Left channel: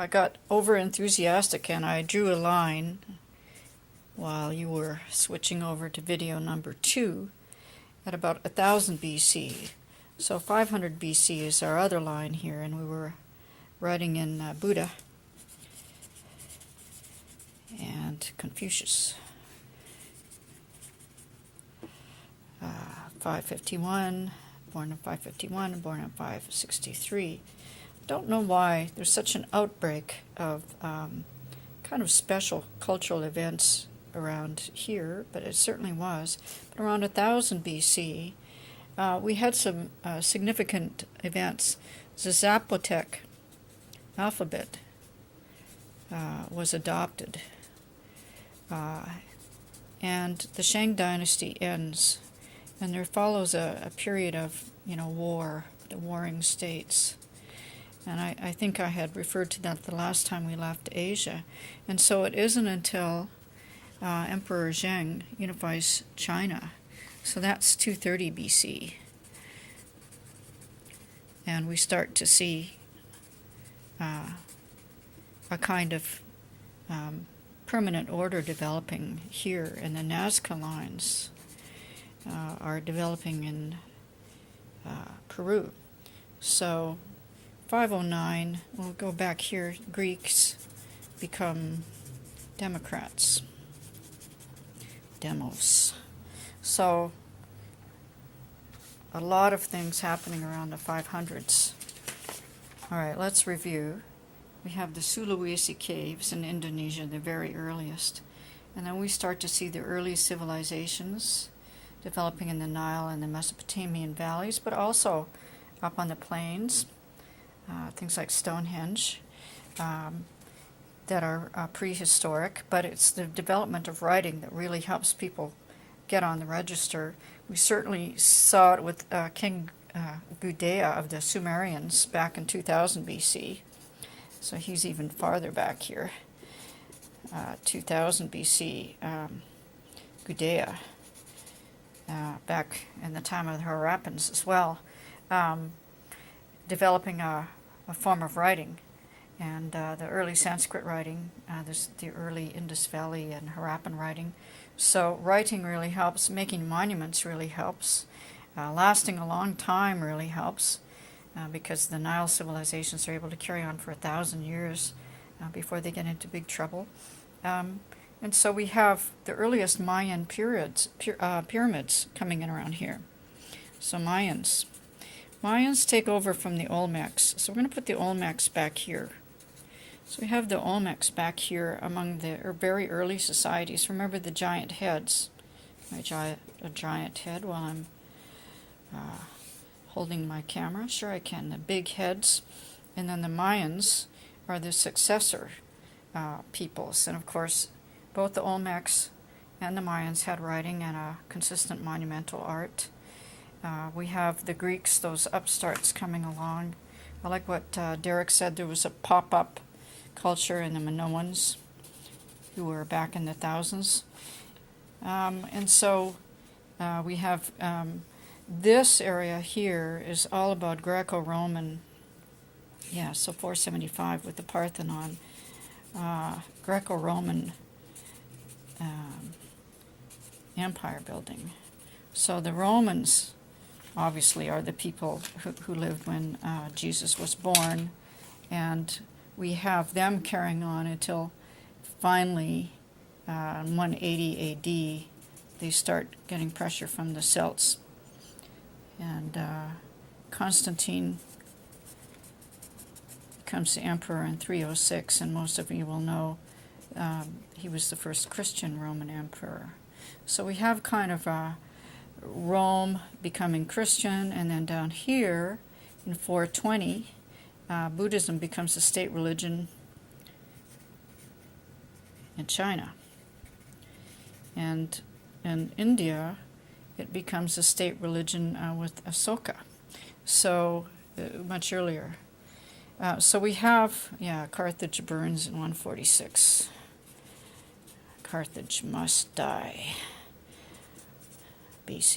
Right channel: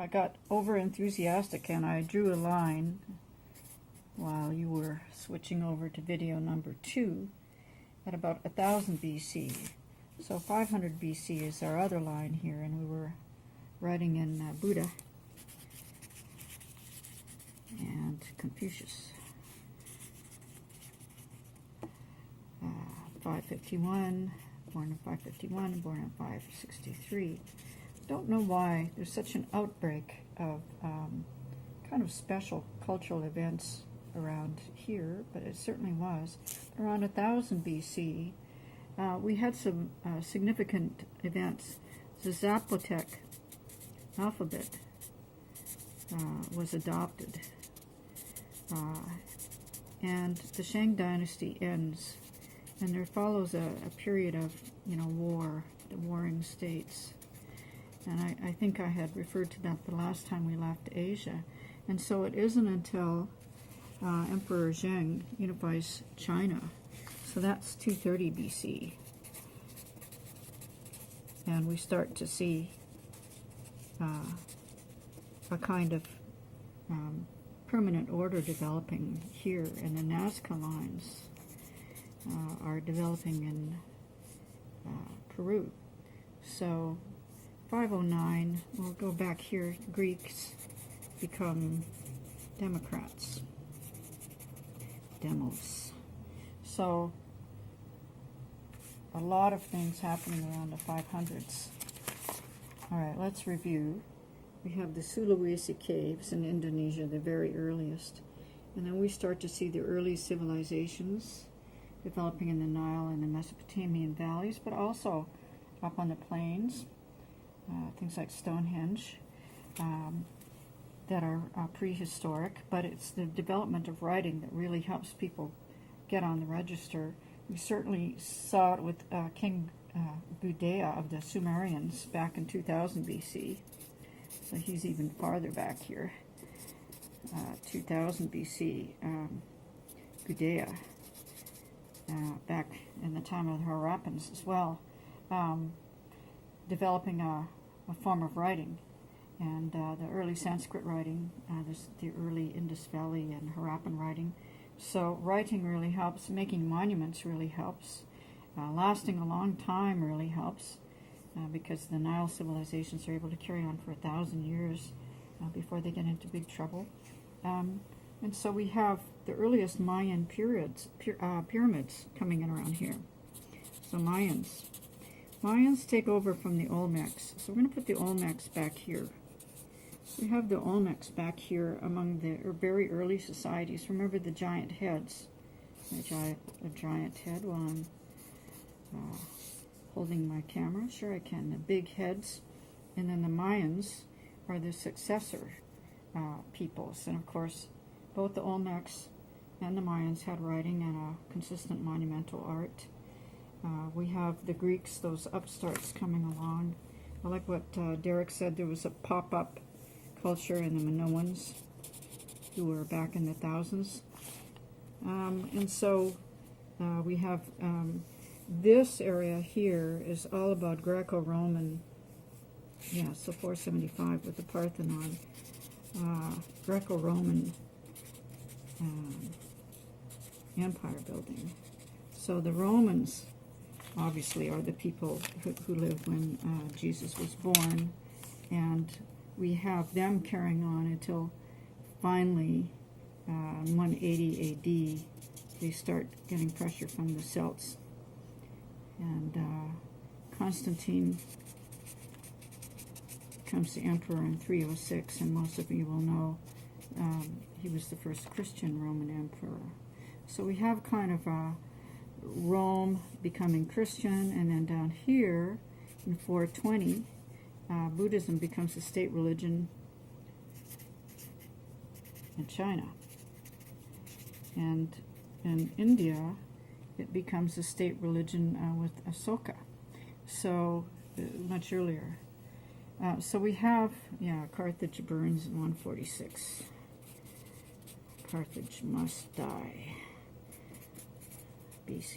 I got over enthusiastic and I drew a line while you were switching over to video number 2 at about 1000 BC. So 500 BC is our other line here, and we were writing in Buddha and Confucius. 551, born in 551 and born in 563. Don't know why there's such an outbreak of kind of special cultural events around here, but it certainly was. But around 1000 BC, we had some significant events. The Zapotec alphabet was adopted, and the Shang dynasty ends, and there follows a period of war, the warring states. And I think I had referred to that the last time we left Asia. And so it isn't until Emperor Zheng unifies China. So that's 230 BC. And we start to see a kind of permanent order developing here, and the Nazca lines are developing in Peru. So 509, we'll go back here, Greeks become Democrats. Demos. So a lot of things happening around the 500s. All right, let's review. We have the Sulawesi caves in Indonesia, the very earliest. And then we start to see the early civilizations developing in the Nile and the Mesopotamian valleys, but also up on the plains. Things like Stonehenge that are prehistoric, but it's the development of writing that really helps people get on the register. We certainly saw it with King Gudea of the Sumerians back in 2000 BC. So he's even farther back here. 2000 BC, Gudea, back in the time of the Harappans as well, developing a form of writing. And the early Sanskrit writing, there's the early Indus Valley and Harappan writing. So writing really helps, making monuments really helps, lasting a long time really helps, because the Nile civilizations are able to carry on for 1,000 years before they get into big trouble. And so we have the earliest Mayan pyramids coming in around here. So Mayans take over from the Olmecs. So we're going to put the Olmecs back here. So we have the Olmecs back here among the very early societies. Remember the giant heads. A giant head while I'm holding my camera. Sure I can. The big heads. And then the Mayans are the successor peoples. And of course, both the Olmecs and the Mayans had writing and a consistent monumental art. We have the Greeks, those upstarts coming along. I like what Derek said. There was a pop-up culture in the Minoans, who were back in the thousands. And so we have this area here is all about Greco-Roman. Yeah, so 475 with the Parthenon. Greco-Roman empire building. So the Romans obviously are the people who lived when Jesus was born, and we have them carrying on until finally 180 AD they start getting pressure from the Celts, and Constantine becomes the emperor in 306, and most of you will know he was the first Christian Roman emperor. So we have kind of Rome becoming Christian, and then down here in 420, Buddhism becomes the state religion in China. And in India, it becomes a state religion with Asoka, so much earlier. So we have, Carthage burns in 146. Carthage must die. BC.